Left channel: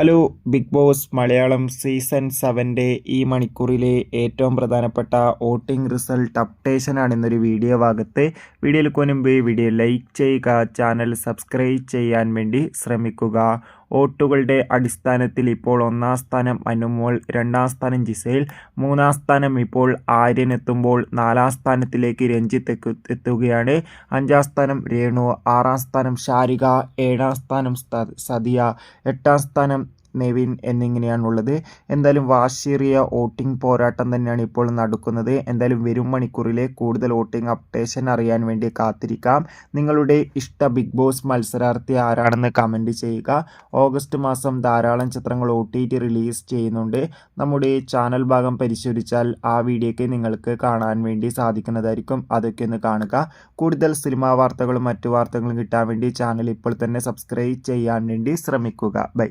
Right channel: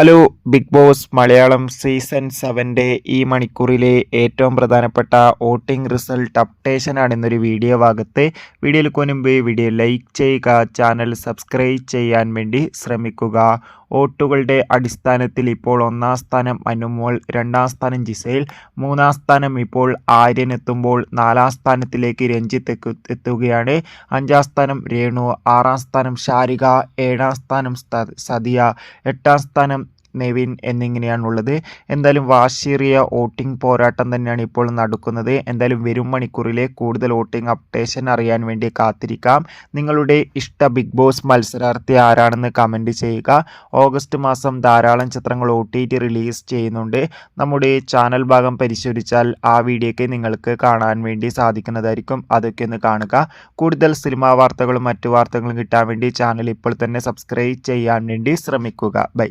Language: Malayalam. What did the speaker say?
Hello Bigg Boss Malayalam season 7 ഈ മണിക്കൂറിലെ ഏറ്റവും പ്രധാനപ്പെട്ട വോട്ടിംഗ് റിസൾട്ട് അപ്ഡേഷനാണ് ഇന്നൊരു വീഡിയോ ഭാഗത്ത്. വീഡിയോയിൽ മുൻപ് വീഡിയോ ലൈക്ക് ചെയ്യുക, ചാനൽ സബ്സ്ക്രൈബ് ചെയ്യാൻ വേണ്ടി ശ്രമിക്കുക. വോട്ടുകളുടെ അടിസ്ഥാനത്തിൽ ഇപ്പോൾ 1-ാം സ്ഥാനം അനുമോൾ, 2-ാം സ്ഥാനം ജിസേൽ, 3-ാം സ്ഥാനം ഇപ്പോൾ ആര്യൻ എത്തുമ്പോൾ 4-ാം സ്ഥാനത്തിലേക്ക് രഞ്ജിത്ത് എത്തുകയാണ്. 5-ാം സ്ഥാനം രേണു, 6-ാം സ്ഥാനം ഷാരിക, 7-ാം സ്ഥാനം സദിയ, 8-ാം സ്ഥാനം നെവിൻ എന്നിങ്ങനെയാണുള്ളത്. എന്തായാലും വാശിയേറിയ വോട്ടിംഗ് പോരാട്ടം തന്നെയാണ് ഇപ്പോൾ നടക്കുന്നത്. എന്തായാലും വരും മണിക്കൂറിലെ കൂടുതൽ വോട്ടിംഗ് അപ്ഡേഷൻ അറിയാൻ വേണ്ടി കാത്തിരിക്കാം. നിങ്ങളുടെ ഇഷ്ട ബിഗ് ബോസ് മത്സരാർത്ഥി ആരാണെന്ന് കമൻറ്റ് ചെയ്യുക. ഓഗസ്റ്റ് മാസം ധാരാളം ചിത്രങ്ങൾ OTT റിലീസ് ചെയ്യുന്നുണ്ട്. നമ്മുടെ ചാനൽ ഭാഗം പരിശോധിച്ചാൽ ആ വീഡിയോയ്ക്ക് നിങ്ങൾക്ക് കാണാൻ വേണ്ടി സാധിക്കുന്നതായിരിക്കും. അതൊക്കെ ഒന്ന് കാണുക. കൂടുതൽ സിനിമാ വാർത്തകളും മറ്റു വാർത്തകളും കിട്ടാൻ വേണ്ടി ചാനൽ ഇപ്പോൾ തന്നെ സബ്സ്ക്രൈബ് ചെയ്യാൻ വേണ്ടി ശ്രമിക്കുക. ബൈ.